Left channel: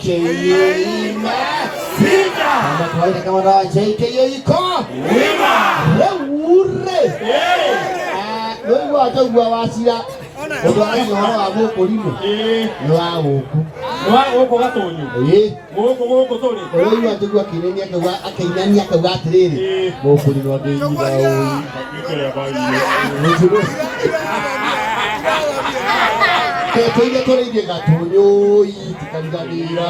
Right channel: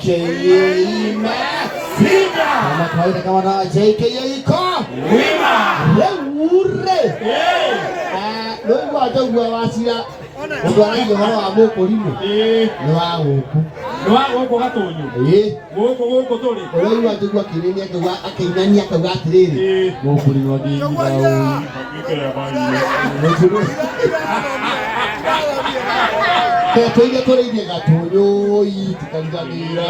JKA Simba kawaida kama na JKA iko wima ure ndio watu wasira ndio wao wao polimo wao gatonyo goko tori ndio watu kireni akainania akagatiri mokuri no ndi Ketoile toreide gatonyo itikanganira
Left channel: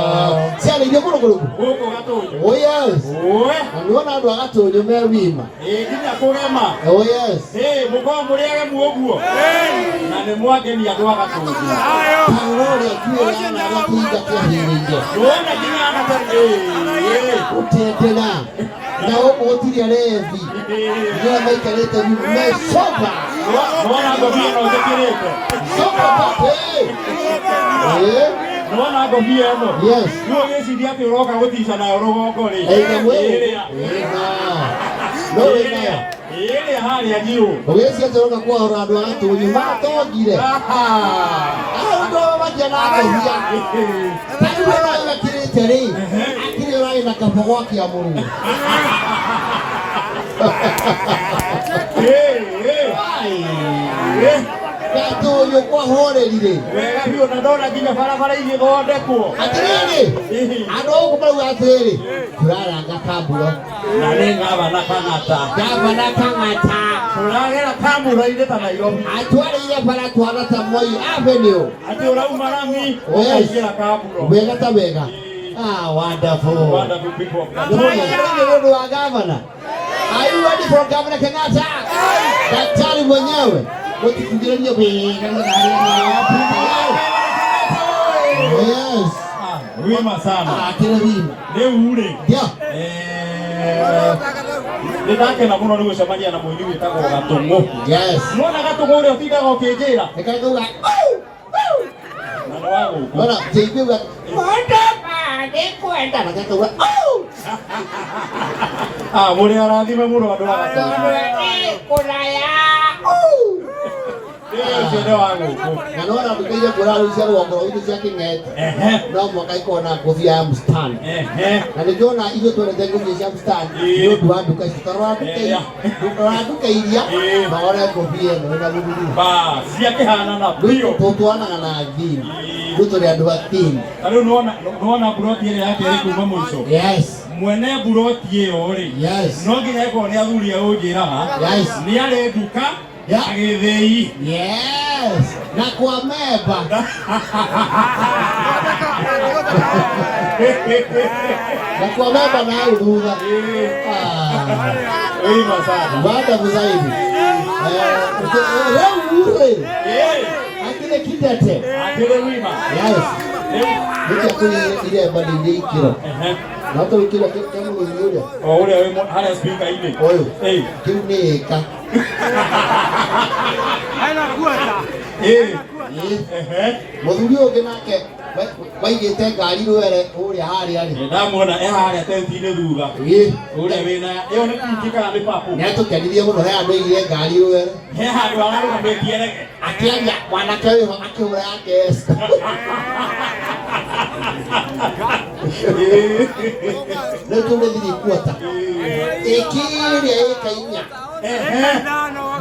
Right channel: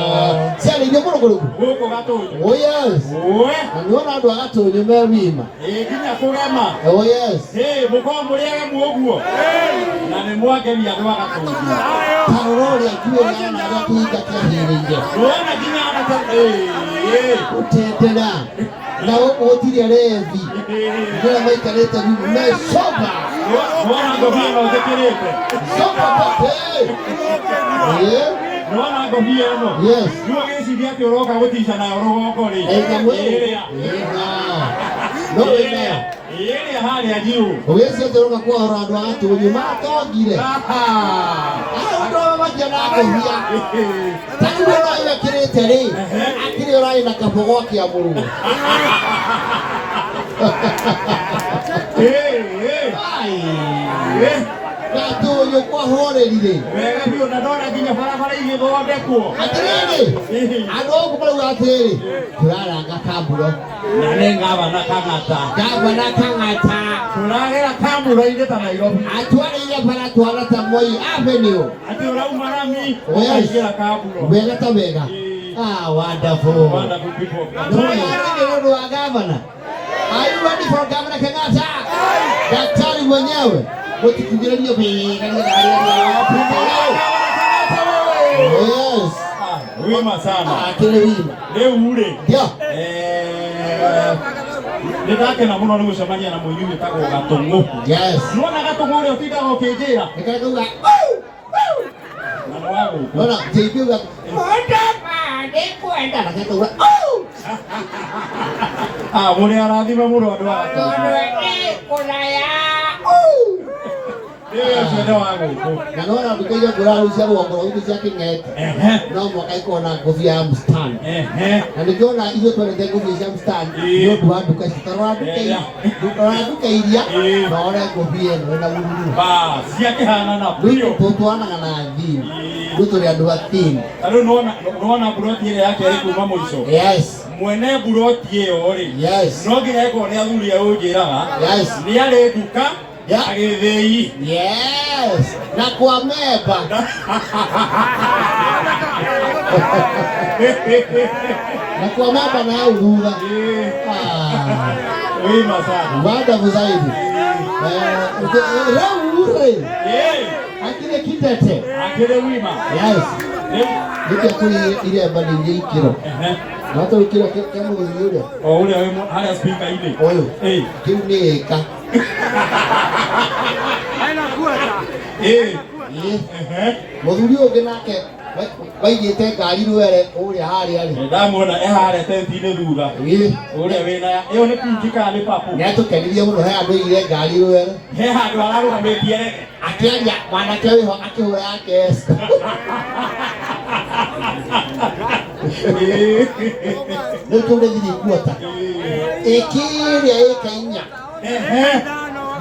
sale ndio goko gatonyo oh yes aniona ndo gatonyo mewima kinya kugema oh yes mukomuriage muoguo na ni mwake ni andwa gatonyo tawore kiwe na gatinga kiahirinde wona kinya gatonyo utetela na otiri revi ndio maikarete mesoka mwana gobia no zekirete soka tote mwana gobia no yes ndio gesiria ati uroka gutisha na urogoko ri ile hali ya jiu ugesi atoka kwa urado watu nyuma togire ndio wajana gobia tani wala kirete ri akiri orai na kabogo kia muru gatonyo kwa horerire wega biyo na ndora ginya barabara igithondekwo atiriri andu okumaga atiri turaranga kamburo na ni ngabana kang'ata turagera kamburo ire ta Nairobi atwarire bara twara ta Moi Avenue atura umarami oyagira kamburo wega ta wega wonderful people ndio wa governor. Are you ready for Governor Kenyatta? Daktari mwenyewe mtikingirania bwe kanisa yes wima sana kile wima leo ule ndio ndake na muno ni mshamania na mwenyewe tako gatongo yes unaona gatongo leo tida okejera nikatoka mwana wangu bwana tibiwa kwenda na katoka muli anaadhima muno ndo kuna ya ndio wangu naona tukija kulala usiku wa ngoro zake ngete no mwaka iko na kofia mstan na nikiona hizo tunaenda kwenye mstan ndio tuandu kasitara ilia baada kofia na ndio ba siake hana na bio potoana na adhini mtu ni ando atini alio naona broti ile yake iko mamo hizo yes mwene broti hiyo ori yes no nginya iko ni athuri ya ujiraga yes ni ale duka agithei yes na kwa meba na kwa meba na uruga wima sana baada mzaidi ure akile kitete akile wima yes ndio kule ile badili kilo nato kilo kama yule ule hana speaker hivi kiunika Muthuri nake baigite ngari rwere uria hari ari ndamwona hari atentine thutha uria wina iyo ni kunjika ni papu netukenirie muno he andu ile ngari rwere he handu ararumitie akiaria mwanake uyu akihura yake ndio ndiri kuota ikiria ikainya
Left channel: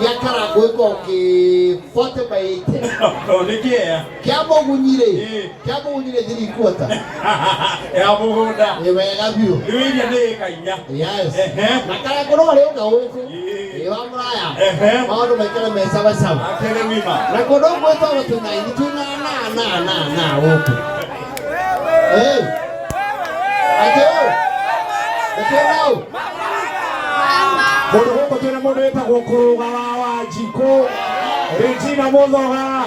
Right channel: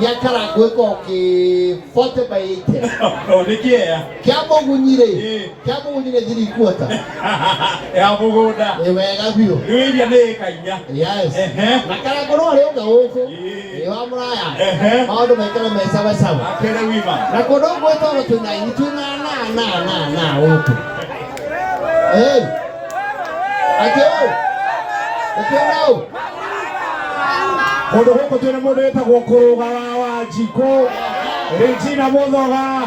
yakara gwiko ki 40 by 8 odikia kiabo gunyire thiri kuota ya mugunda wega biu riwiria ni kainya yes na kara kono renga huko wa muraya maundu mekara mesaba saba akere wima na kono gwito watu na huko ateo Modo huko tena modo etagwo kuruga wa jiko Regina Muthoga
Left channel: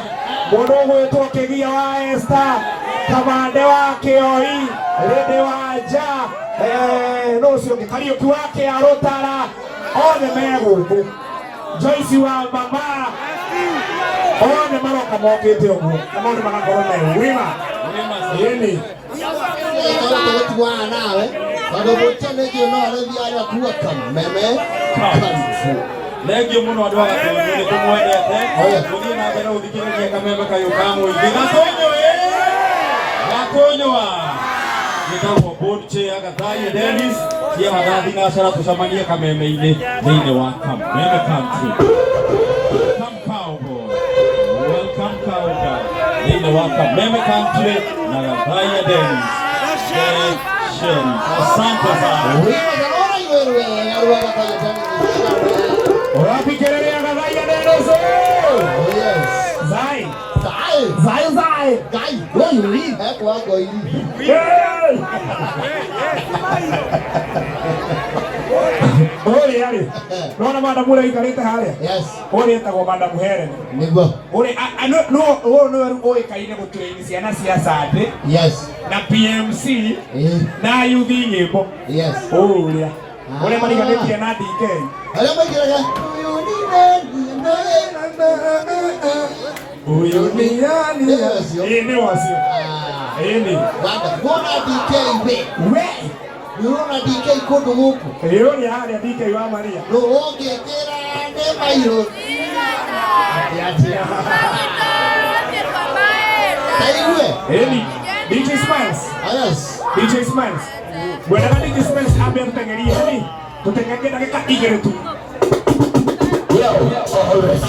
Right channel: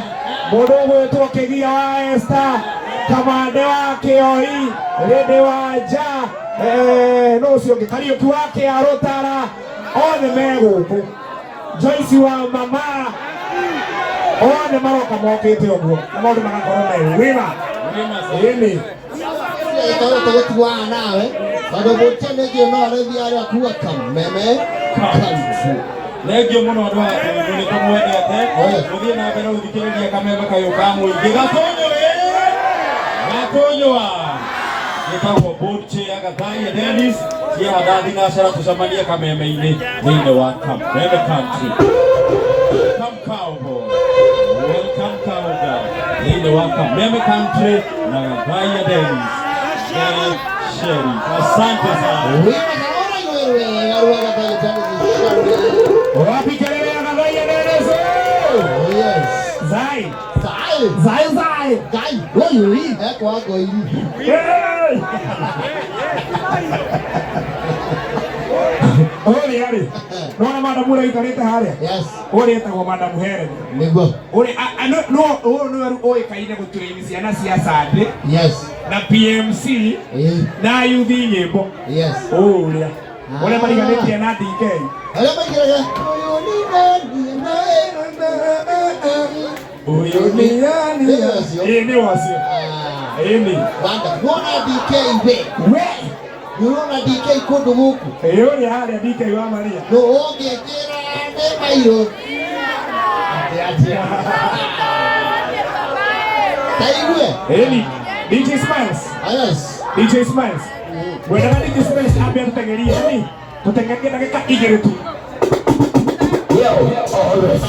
modo gwetwo Kegia wa Esther Kamande wa Kioi Rede wa Ja no cio Kariuki wake Arotara one meguku Joyce wa mama one maroka mokete ogwo na modo manakorwo me wima ini ikawa tugetiwa nawe bado bote mejo no aredia kuwa kameme kanfu legio muno adwa ni kumwendete tuthie na mbere uthikiririe kameme kayo kamwe igatonyo gatonyoa Gĩtagwo board chair Gathai Dennis cia magathi na cara tũcemanie Kameme-inĩ thĩinĩ wa Kameme Country. Welcome cowboy, welcome cowboy thĩinĩ wa Kameme Country na Gathai Dennis. Asante sana. Wapi kelele ya Gathai Dennis? Yes. Zai. Gai. Wewe hapo hapo hivi. Ole yale. Naona madam ule ikaleta hale. Yes. Ole etagwo madam Helen. Niguo. Ole no oe kaine gutwini ciana cia Sande. Yes. Na PMC. Na youth nyimbo. Yes. Ole. Ole mariganĩtie na DK. Ole mariganĩtie. Uyu ni yani. Ni wasio. Ni. Banda, bona DK we. Yuna DK kundu guku. Yuri hali DK wa Maria. No ongekera ne mairo. Ni. DJ Smiles. Yes. DJ Smiles. Bwana DJ Smiles abentegeria ni. Tutengeke dakika igere tu. Yo, always.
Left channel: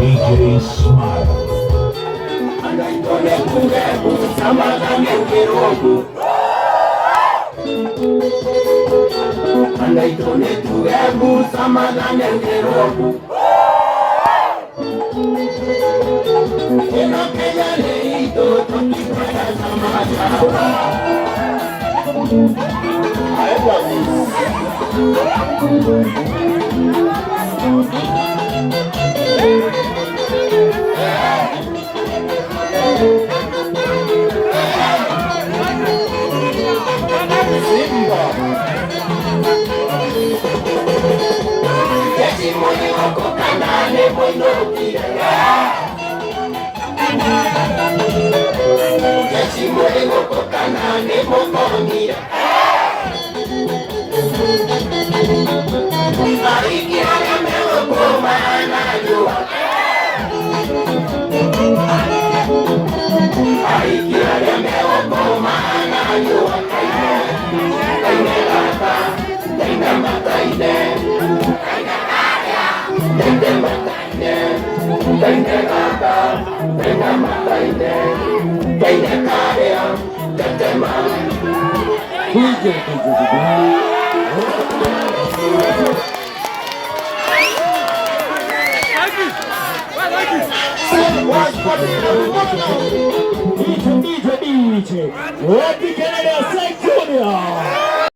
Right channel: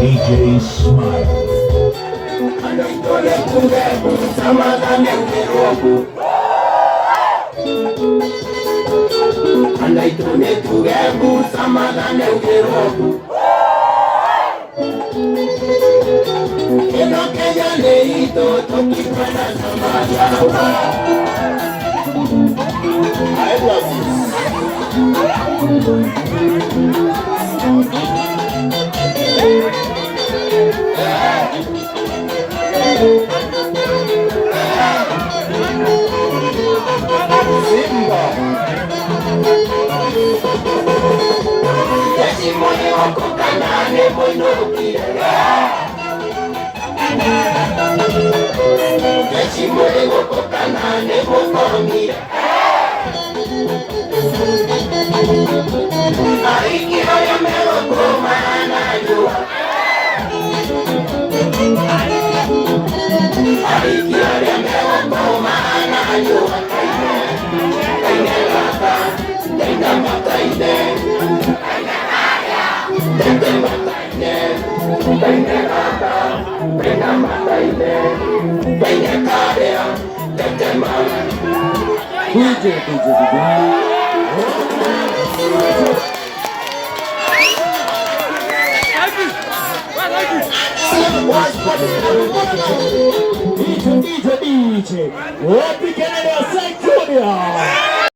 DJ Smile. DJ, Robbie Kennedy, St. Junior.